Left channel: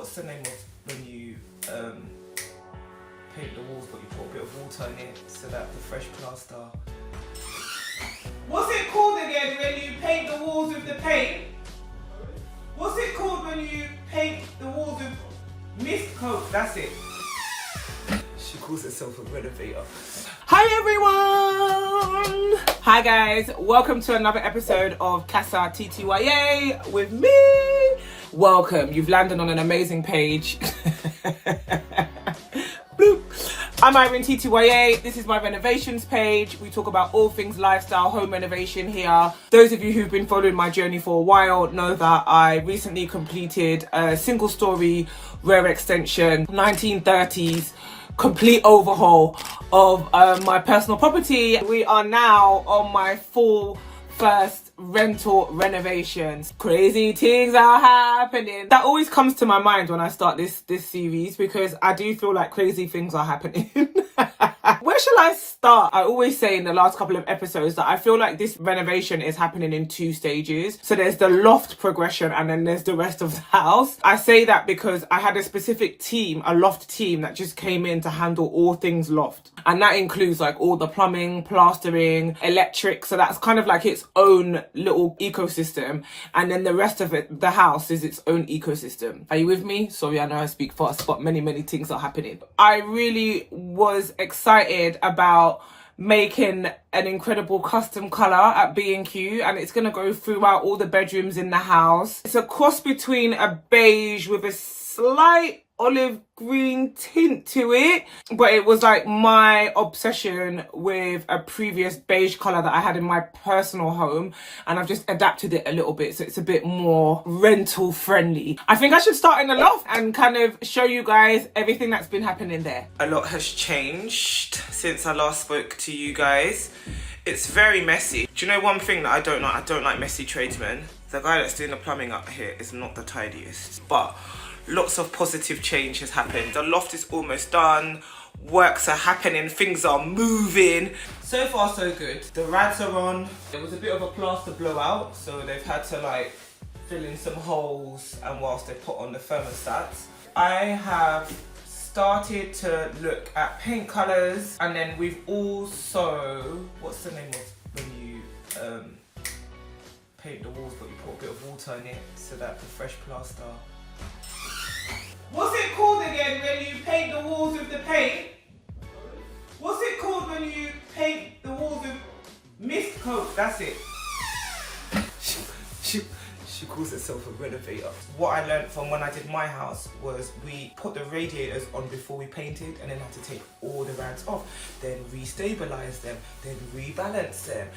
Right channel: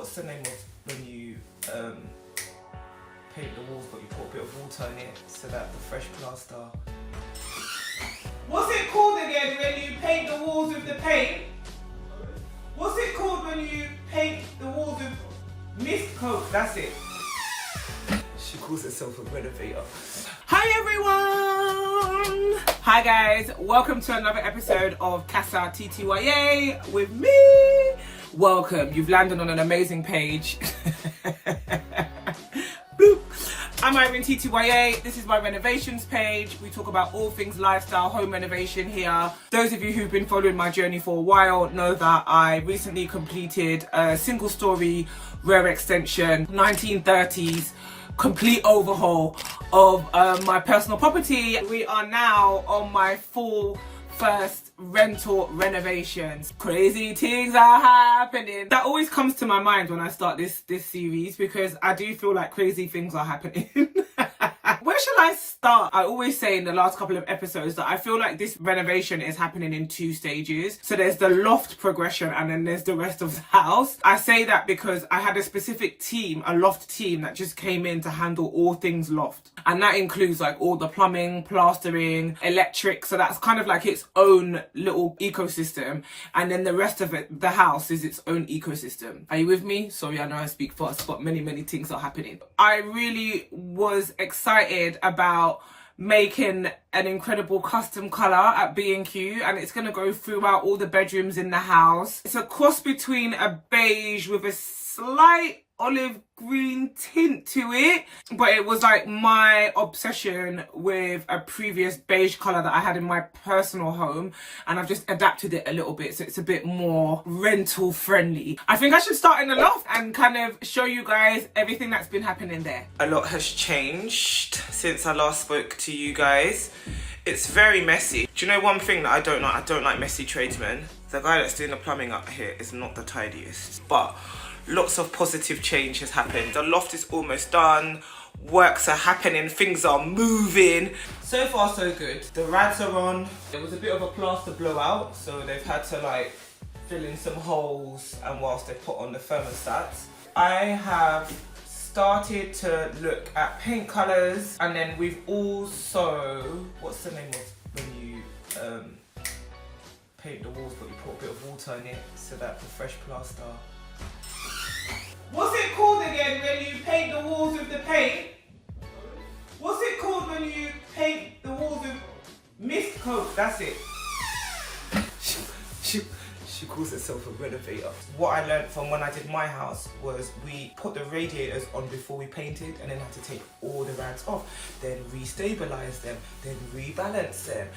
what's the name of when you paint the walls but you put a bit of water in it so that the fresh plaster... What's it called again when you paint the walls with the paint? What's it called when you paint the walls with mist coat? That's it. She calls herself a renovator. Hi everyone! Hi guys, welcome to another episode of Casattya with me. Welcome, you've landed on an amazing page. Boop. I'm Irene TTYA, this is my renovations page. We talk about all things lifestyle, home renovation here. Those of you who've been following my journey for a while know that I recently completed a single story rear extension, 1930s, complete overhaul of my personal property. We are now on my full first rental renovations. Crazy things are happening. That always comes to my mind when I start this series because I do feel like crazy things are happening. Where shall I start? I always say in the last couple of episodes that I feel like this renovation is happening in two stages. So there's the loft progression and then there's the rest of the house. I say that because I had a specific team, a loft team that just came in to handle all things loft. And that includes like all the plumbing, plastering, electric. So that's kind of like its own little ecosystem. And then the rest of it, the house, is its own ecosystem. Are you with me? Sorry, I know I speak fast, but many things are happening. I really was excited about making an incredible custom colour at B&Q, and it's going to go throughout all the bedrooms in the house. It's a cross between a beige with a slight olive green tint to it, but it was like my obsession with a previous beige colour that I had in my personal home, and I've just adapted it a little bit so it's a bit more rental friendly. I think I should start in the loft and kind of show you guys everything that's been happening there. A lot has changed since I last spoke to you guys. It's very messy. Do you know one thing that I don't like? I don't like messy tradesmen. The guy that's doing the plumbing up here is not the tidiest, but lots of positive change has happened. The loft is almost done. Works are happening. Things are moving. So far, so good. The rads are on. There was a bit of a plaster blowout, so they've had to like fill in some holes and whilst they put on the thermostats. I have started to look at paint colours, and then we've also, what's the name of when you paint the walls but you put a bit of water in it so that the fresh plaster... What's it called again when you paint the walls with the paint? What's it called when you paint the walls with mist coat? That's it. She calls herself a renovator. What I learned from when I did my house was we put the radiators on before we painted and then had to take all the rads off, then re-stabilize them, then rebalance them.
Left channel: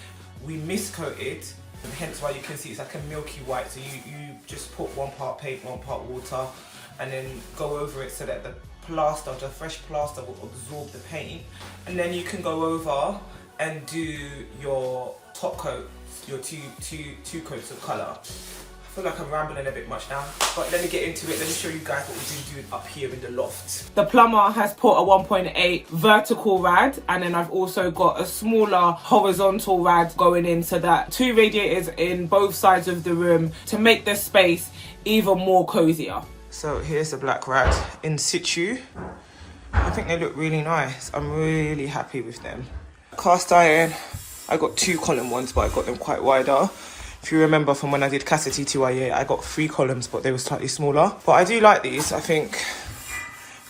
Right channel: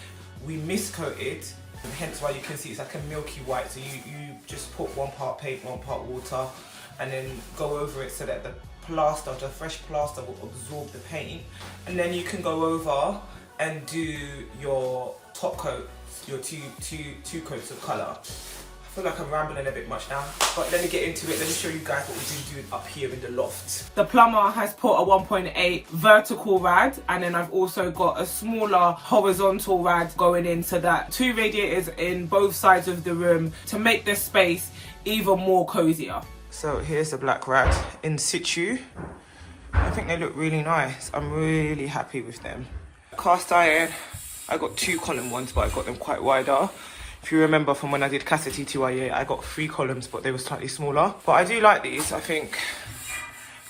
We mist coated, and hence why you can see it's like a milky white. So you just put one part paint, one part water, and then go over it so that the plaster, the fresh plaster, will absorb the paint. And then you can go over and do your top coat, your two coats of colour. I feel like I'm rambling a bit much now, but let me get into it. Let me show you guys what we've been doing up here in the loft. The plumber has put a 1.8 vertical rad, and then I've also got a smaller horizontal rad going in, so that two radiators in both sides of the room to make the space even more cozier. So here's the black rad in situ. I think they look really nice. I'm really happy with them. Cast iron, I got 2 column ones, but I got them quite wider. If you remember from when I did Casattya, I got 3 columns, but they were slightly smaller. But I do like these. I think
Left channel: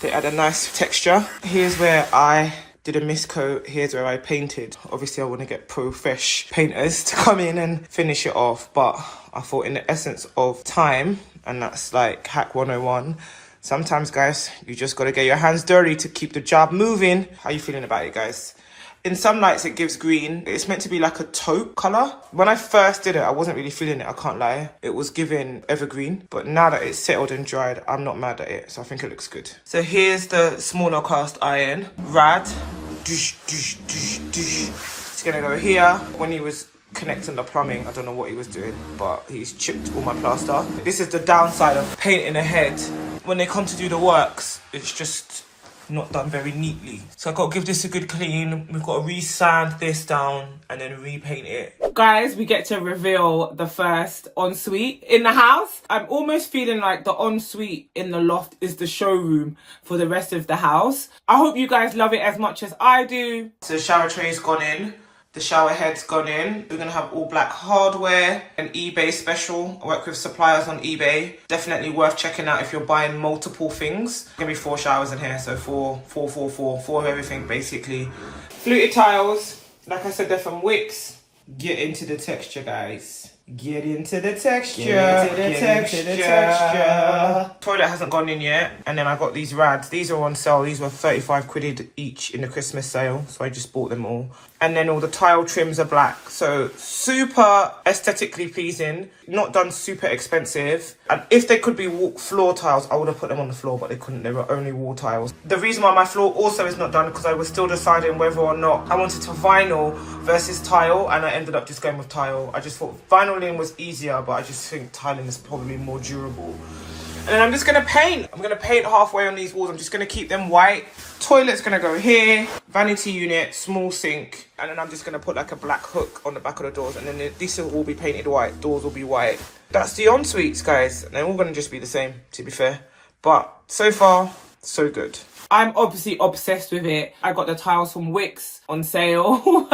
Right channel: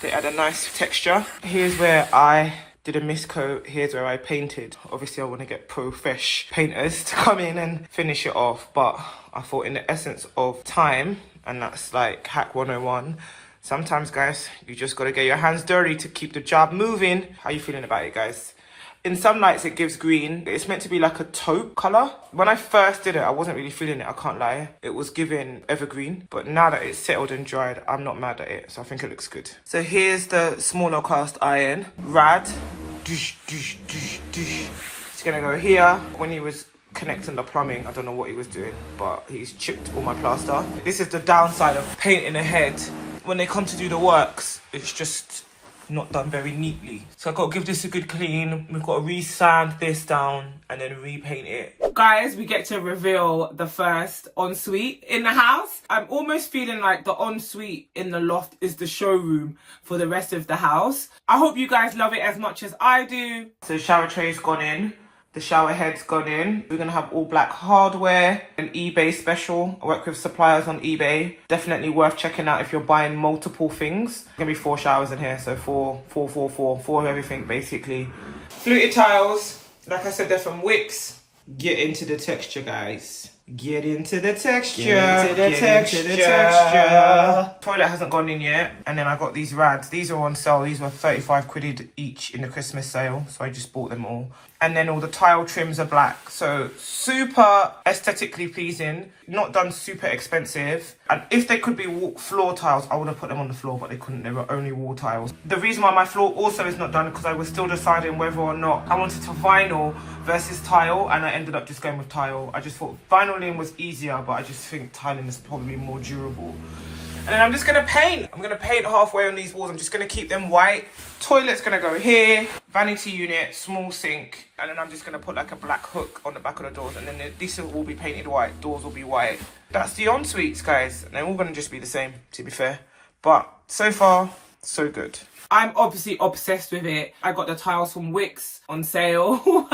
they add a nice texture. Here's where I did a mist coat. Here's where I painted. Obviously, I want to get pro-fresh painters to come in and finish it off. But I thought in the essence of time, and that's like hack 101, sometimes, guys, you just got to get your hands dirty to keep the job moving. How you feeling about it, guys? In some lights, it gives green. It's meant to be like a taupe colour. When I first did it, I wasn't really feeling it, I can't lie. It was giving evergreen. But now that it's settled and dried, I'm not mad at it. So I think it looks good. So here's the smaller cast iron. Rad. It's going to go here. When he was connecting the plumbing, I don't know what he was doing, but he's chipped all my plaster. This is the downside of painting ahead. When they come to do the works, it's just not done very neatly. So I've got to give this a good clean. We've got to re-sand this down and then repaint it. Guys, we get to reveal the first ensuite in the house. I'm almost feeling like the ensuite in the loft is the showroom for the rest of the house. I hope you guys love it as much as I do. So the shower tray's gone in. The shower head's gone in. We're going to have all black hardware, an eBay special. I work with suppliers on eBay. Definitely worth checking out if you're buying multiple things. There's going to be 4 showers in here, so 4 of everything basically. Fluted tiles, like I said, they're from Wickes. Get into the texture, guys. Get into the texture. Get into the texture. Toilet hasn't gone in yet. And then I got these rads. These are on sale. These were 35 quid each in the Christmas sale. So I just bought them all. And then all the tile trims are black. So super aesthetically pleasing. Not done super expensive. And if they could be floor tiles, I would have put them on the floor, but they couldn't. They were only wall tiles. The reason why my floor also is not done because I was still deciding whether or not I wanted to vinyl versus tile, and I ended up just going with tile. I just thought vinyling was easier, but I just think tiling is probably more durable. And then I'm just going to paint. I'm going to paint halfway on these walls. I'm just going to keep them white. Toilet's going to go here. Vanity unit, small sink. And then I'm just going to put like a black hook on the back of the doors. And then these will all be painted white. Doors will be white. That's the en-suites, guys. They're all going to just be the same, to be fair. But so far, so good. I'm obviously obsessed with it. I got the tiles from Wickes on sale.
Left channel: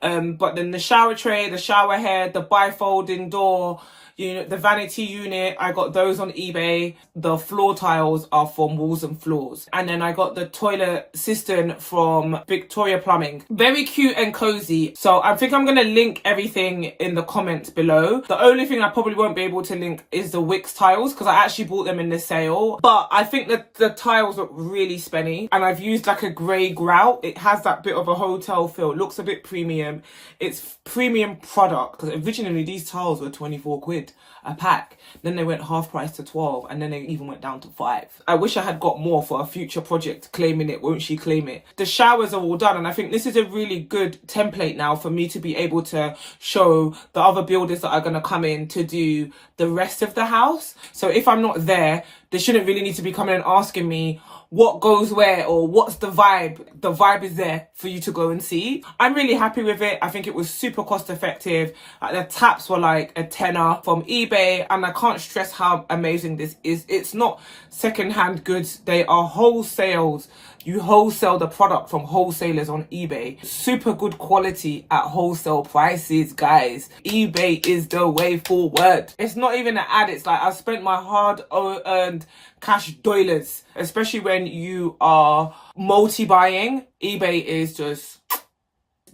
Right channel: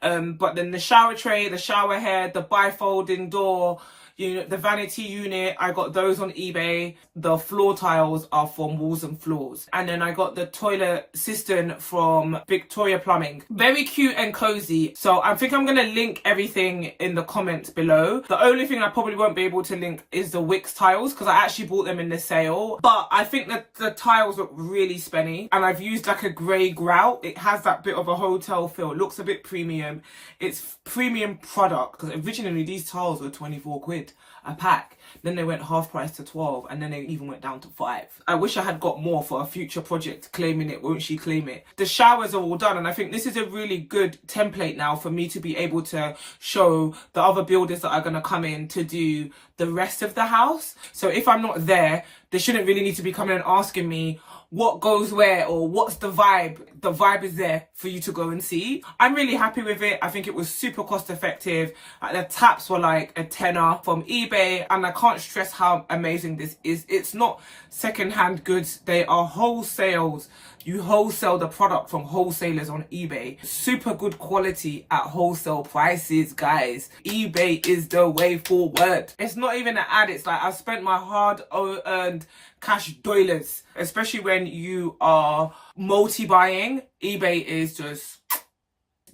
But then the shower tray, the shower head, the bifolding door, the vanity unit, I got those on eBay. The floor tiles are from Walls and Floors. And then I got the toilet cistern from Victoria Plumbing. Very cute and cozy. So I think I'm going to link everything in the comments below. The only thing I probably won't be able to link is the Wickes tiles because I actually bought them in the sale. But I think that the tiles look really spenny. And I've used like a grey grout. It has that bit of a hotel feel. It looks a bit premium. It's premium product because originally these tiles were 24 quid a pack. Then they went half price to 12 and then they even went down to 5. I wish I had got more for a future project claiming it, won't she claim it. The showers are all done and I think this is a really good template now for me to be able to show the other builders that are going to come in to do the rest of the house. So if I'm not there, they shouldn't really need to be coming and asking me what goes where or what's the vibe. The vibe is there for you to go and see. I'm really happy with it. I think it was super cost effective. The taps were like a tenner from eBay and I can't stress how amazing this is. It's not secondhand goods. They are wholesales. You wholesale the product from wholesalers on eBay. Super good quality at wholesale prices, guys. eBay is the way forward. It's not even an ad. It's like I've spent my hard-earned cash dollars, especially when you are multi-buying. eBay is just,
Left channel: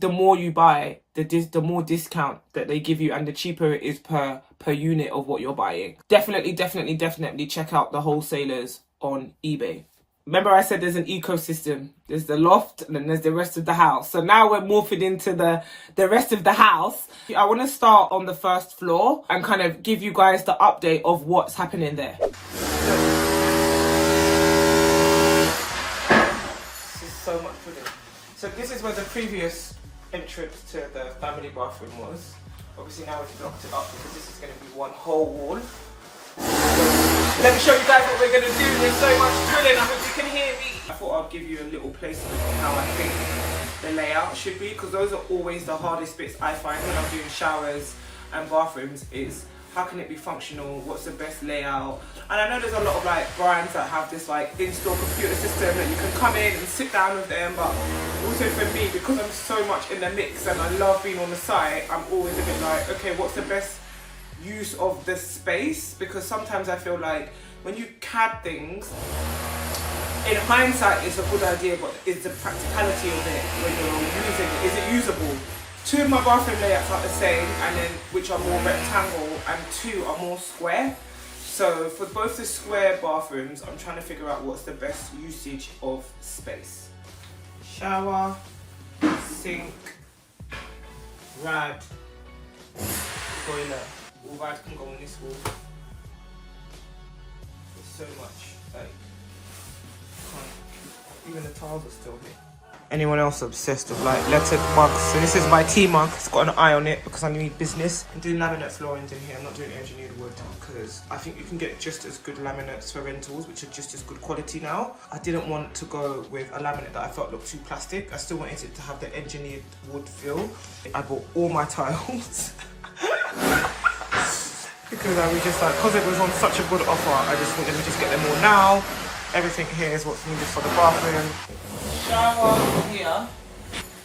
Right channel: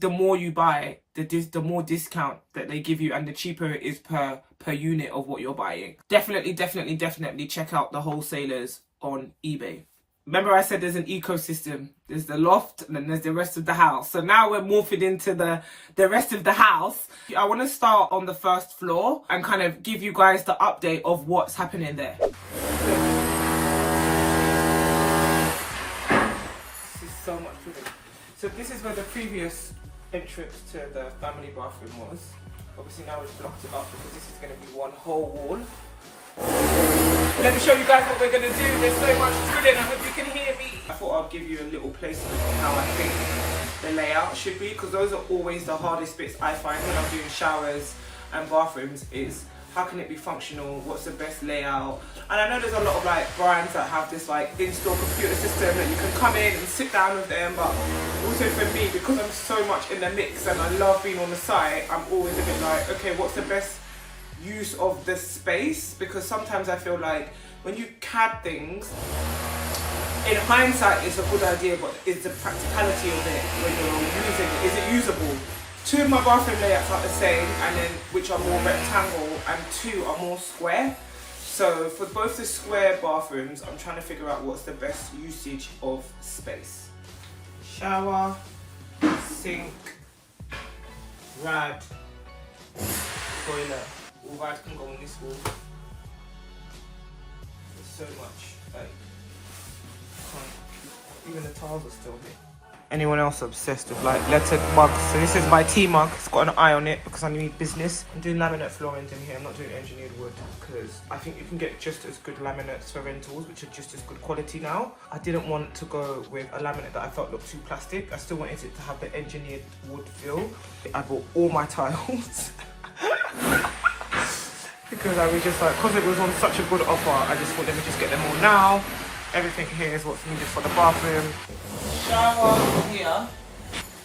the more you buy, the more discount that they give you and the cheaper it is per unit of what you're buying. Definitely check out the wholesalers on eBay. Remember I said there's an ecosystem. There's the loft and then there's the rest of the house. So now we're morphing into the rest of the house. I want to start on the first floor and kind of give you guys the update of what's happening there. This is so much for them. So this is where the previous entrance to the family bathroom was. Obviously now we've blocked it up because this is going to be one whole wall. Let me show you guys what we're going to do. There's so much drilling, I hope you can hear me. I thought I'd give you a little placement on how I think the layout should be because those are always the hardest bits I find when I'm doing showers and bathrooms is how can it be functional, what's the best layout. And I know there's a lot of like brands that have this like in-store computer system that you can come in and sit down with them, but also for me, because I'm so much in the mix and I love being on the site, I'm always a bit like, okay, what's the best use of the space? Because sometimes I feel like when you CAD things, in hindsight it's a good idea, but is the practicality of it when you're using it, is it usable? 2 of my bathroom layouts are the same, and then which are more rectangle and 2 are more square. So for both the square bathrooms, I'm trying to figure out what's the best usage of space. Shower, sink, rad, toilet. All rads can go on this wall. There's so much, like, even the tiles are still here. Anyone else obsessed with like lettered mugs? So this is my tea mug. It's got an eye on it because I need business. I'm doing laminate floorings in here. I'm not doing engineered wood because I think you can get just as good laminates for rentals, which are just as good quality now. I didn't want to go with a laminate that I felt looked too plastic. I still wanted it to have the engineered wood feel. I bought all my tiles. Because I was just like, because it was on such a good offer, I just thought, let me just get them all now. Everything here is what's needed for the bathroom. Shower here,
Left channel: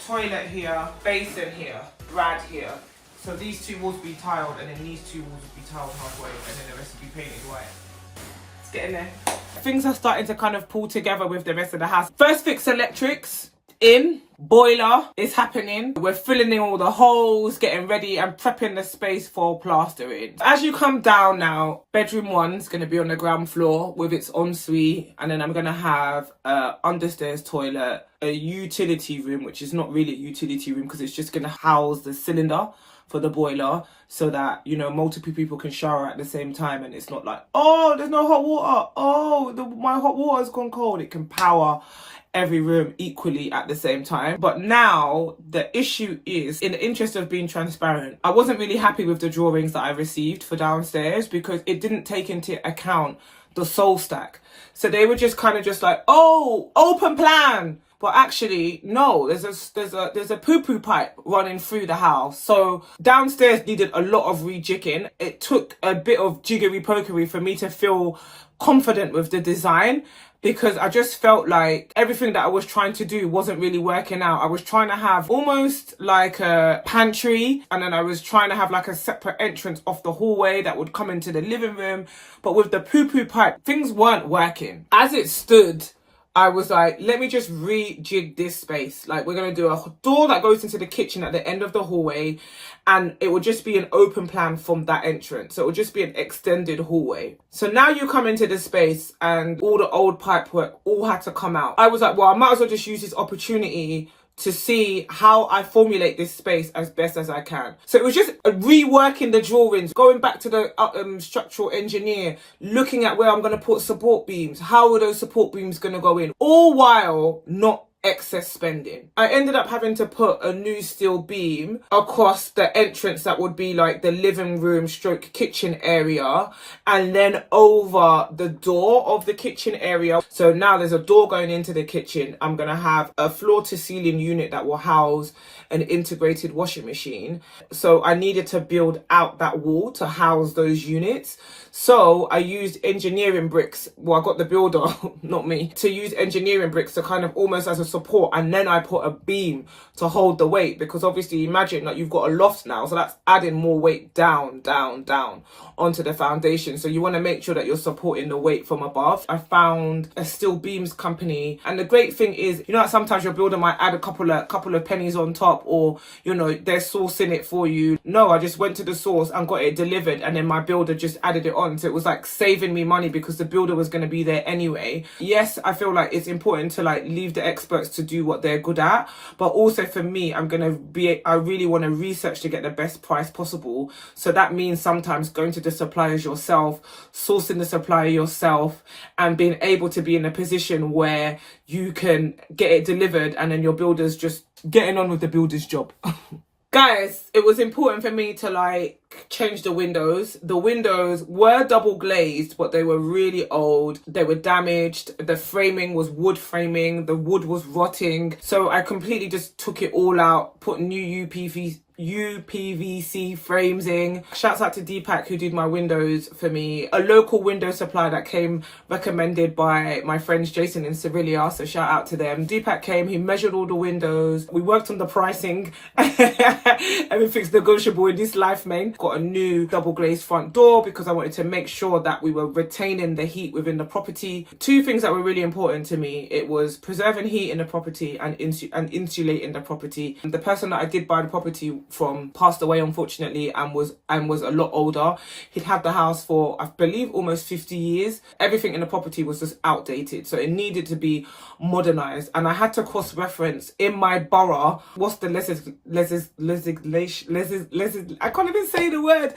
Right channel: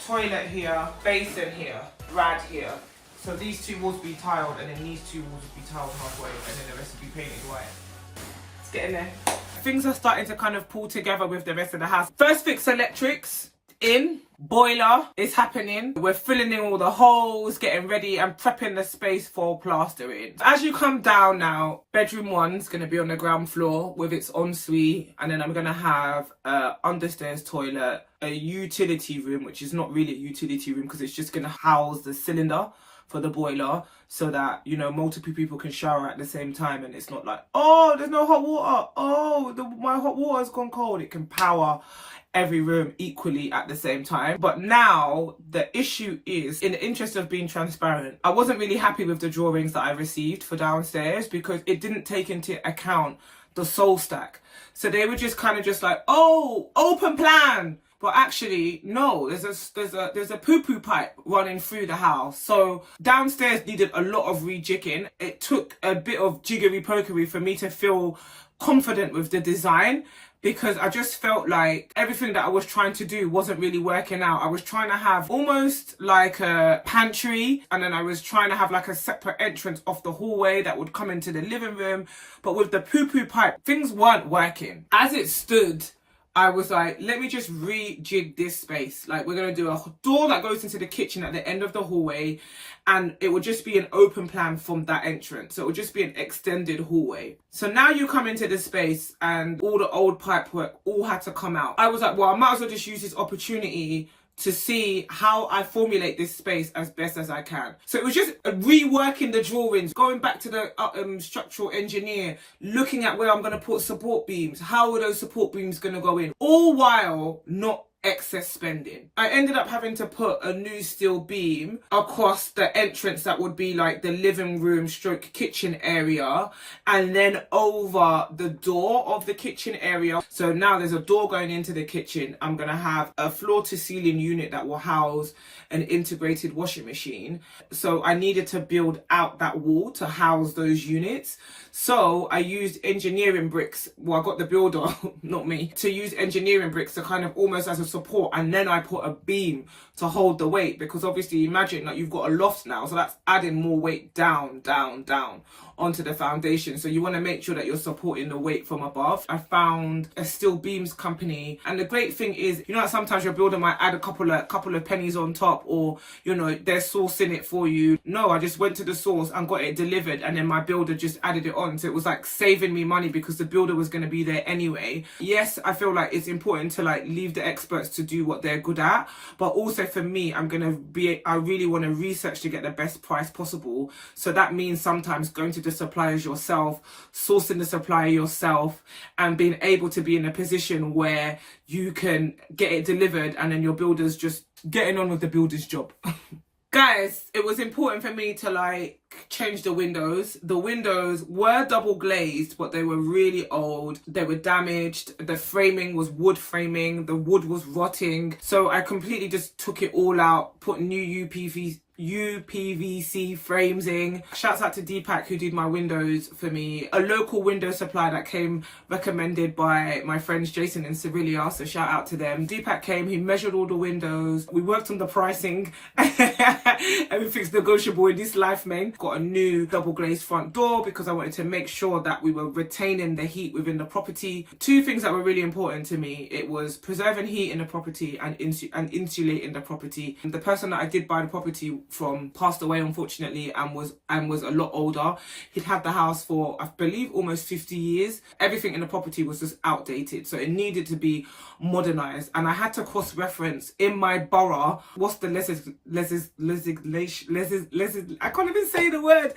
toilet here, basin here, rad here. So these two walls will be tiled, and then these two walls will be tiled halfway, and then the rest will be painted white. Let's get in there. Things are starting to kind of pull together with the rest of the house. First fix electrics in. Boiler is happening. We're filling in all the holes, getting ready and prepping the space for plastering. As you come down now, bedroom 1's going to be on the ground floor with its ensuite, and then I'm going to have a understairs toilet, a utility room, which is not really a utility room because it's just going to house the cylinder for the boiler, so that, you know, multiple people can shower at the same time, and it's not like, oh, there's no hot water, oh, my hot water's gone cold. It can power every room equally at the same time. But now the issue is, in the interest of being transparent, I wasn't really happy with the drawings that I received for downstairs because it didn't take into account the soul stack. So they were just kind of just like, oh, open plan. But actually, no, there's a poo-poo pipe running through the house. So downstairs needed a lot of rejigging. It took a bit of jiggery-pokery for me to feel confident with the design, because I just felt like everything that I was trying to do wasn't really working out. I was trying to have almost like a pantry, and then I was trying to have like a separate entrance off the hallway that would come into the living room. But with the poo-poo pipe, things weren't working. As it stood, I was like, let me just rejig this space. Like, we're going to do a door that goes into the kitchen at the end of the hallway, and it would just be an open plan from that entrance. So it would just be an extended hallway. So now you come into the space and all the old pipe work all had to come out. I was like, well, I might as well just use this opportunity to see how I formulate this space as best as I can. So it was just reworking the drawings, going back to the structural engineer, looking at where I'm going to put support beams, how are those support beams going to go in, all while not excess spending. I ended up having to put a new steel beam across the entrance that would be like the living room stroke kitchen area, and then over the door of the kitchen area. So now there's a door going into the kitchen. I'm gonna have a floor to ceiling unit that will house an integrated washing machine. So I needed to build out that wall to house those units. So I used engineering bricks. Well, I got the builder, not me, to use engineering bricks to kind of almost as a support. And then I put a beam to hold the weight, because obviously imagine that you've got a loft now. So that's adding more weight down onto the foundation. So you want to make sure that you're supporting the weight from above. I found a steel beams company. And the great thing is, you know, sometimes your builder might add a couple of pennies on top, or, you know, they're sourcing it for you. No, I just went to the source and got it delivered, and then my builder just added it on. So it was like saving me money because the builder was going to be there anyway. Yes, I feel like it's important to like leave the experts to do what they're good at, but also for me, I really want to research to get the best price possible. So that means sometimes going to the suppliers yourself, sourcing the supplier yourself, and being able to be in a position where you can get it delivered, and then your builder's just getting on with the builder's job. Guys, it was important for me to like change the windows. The windows were double glazed, but they were really old. They were damaged. The framing was wood framing. The wood was rotting. So I completely just took it all out, put new UPVC frames in. Shouts out to Deepak who did my windows for me. A local window supplier that came recommended by my friends Jason and Sevilla, so shout out to them. Deepak came, he measured all the windows. We worked on the pricing. Everything's negotiable in this life, man. Got a new double glazed front door because I wanted to make sure that we were retaining the heat within the property. Two things that were really important to me. It was preserving heat in the property and insulating the property. The person that I did buy the property from passed away, unfortunately, and was a lot older. He'd had the house for, I believe, almost 50 years. Everything in the property was just outdated, so it needed to be modernized. And I had to cross-reference in my borough what's the I can't even say the word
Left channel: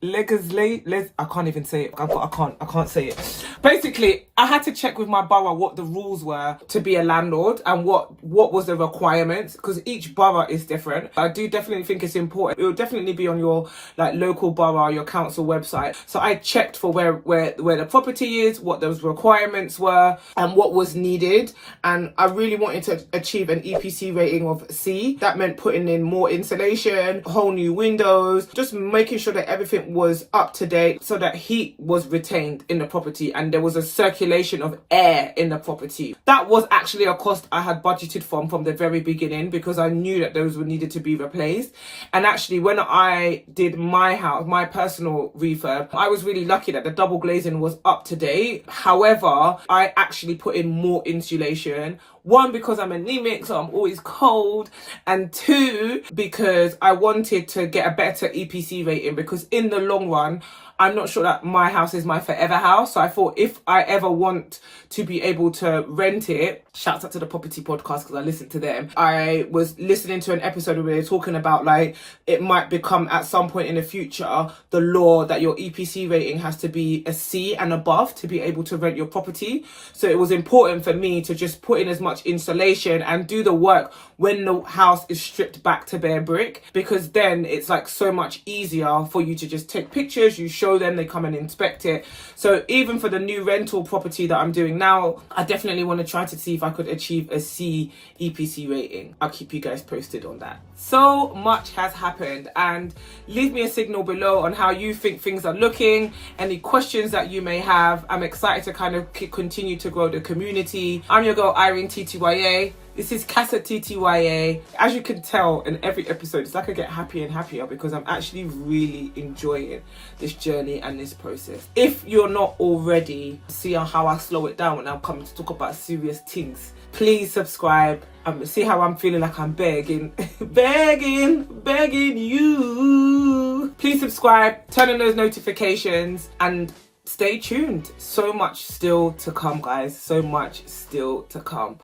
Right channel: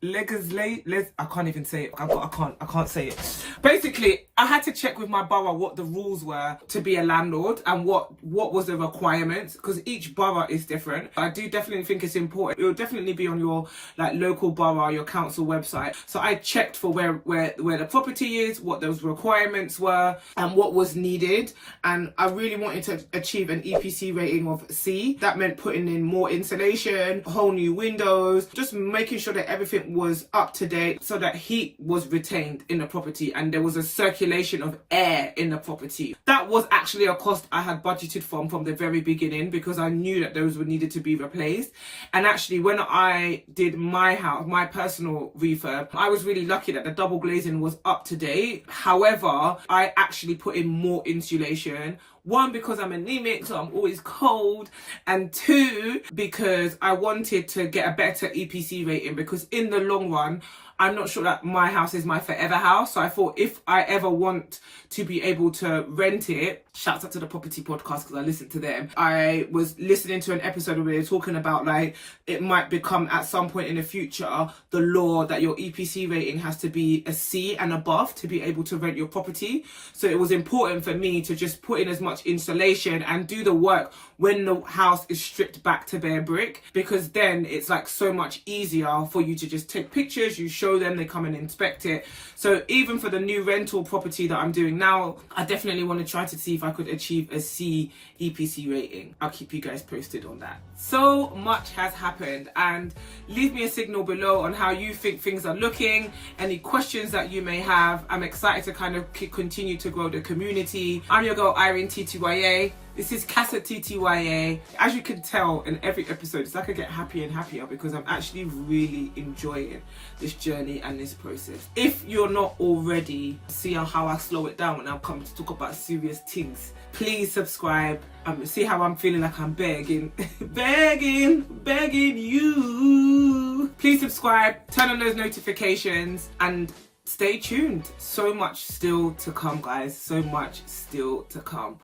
I can't even say it. I can't say it. Basically, I had to check with my borough what the rules were to be a landlord and what was the requirements, because each borough is different. I do definitely think it's important. It will definitely be on your like local borough, your council website. So I checked for where the property is, what those requirements were, and what was needed. And I really wanted to achieve an EPC rating of C. That meant putting in more insulation, whole new windows, just making sure that everything was up to date so that heat was retained in the property and there was a circulation of air in the property. That was actually a cost I had budgeted from the very beginning, because I knew that those would needed to be replaced. And actually, when I did my house, my personal refurb, I was really lucky that the double glazing was up to date. However, I actually put in more insulation. One, because I'm anemic, so I'm always cold. And two, because I wanted to get a better EPC rating, because in the long run, I'm not sure that my house is my forever house. So I thought if I ever want to be able to rent it, shouts out to the property podcast because I listened to them. I was listening to an episode where they were talking about like it might become at some point in the future the law that your EPC rating has to be a C and above to be able to rent your property. So it was important for me to just put in as much insulation and do the work when the house is stripped back to bare brick, because then it's like so much easier for you to just take pictures, you show them, they come and inspect it. So even for the new rental property that I'm doing now, I definitely want to try to see if I could achieve a C EPC rating. I'll keep you guys posted on that. So much has happened, and leave me a signal below on how you think things are looking, any questions that you may have. I'm excited to kind of continue to grow the community. I'm your girl Irene TTYA. This is Casattya. As you can tell in every episode, it's like I get happier and happier because I'm actually really enjoying this journey and this process. If you're not already seeing how I slow it down when I'm coming to talk about serious things, please subscribe. See how I'm feeling like I'm begging you. Please subscribe, turn on those notifications, and stay tuned. So much still to come, guys. So much still to come.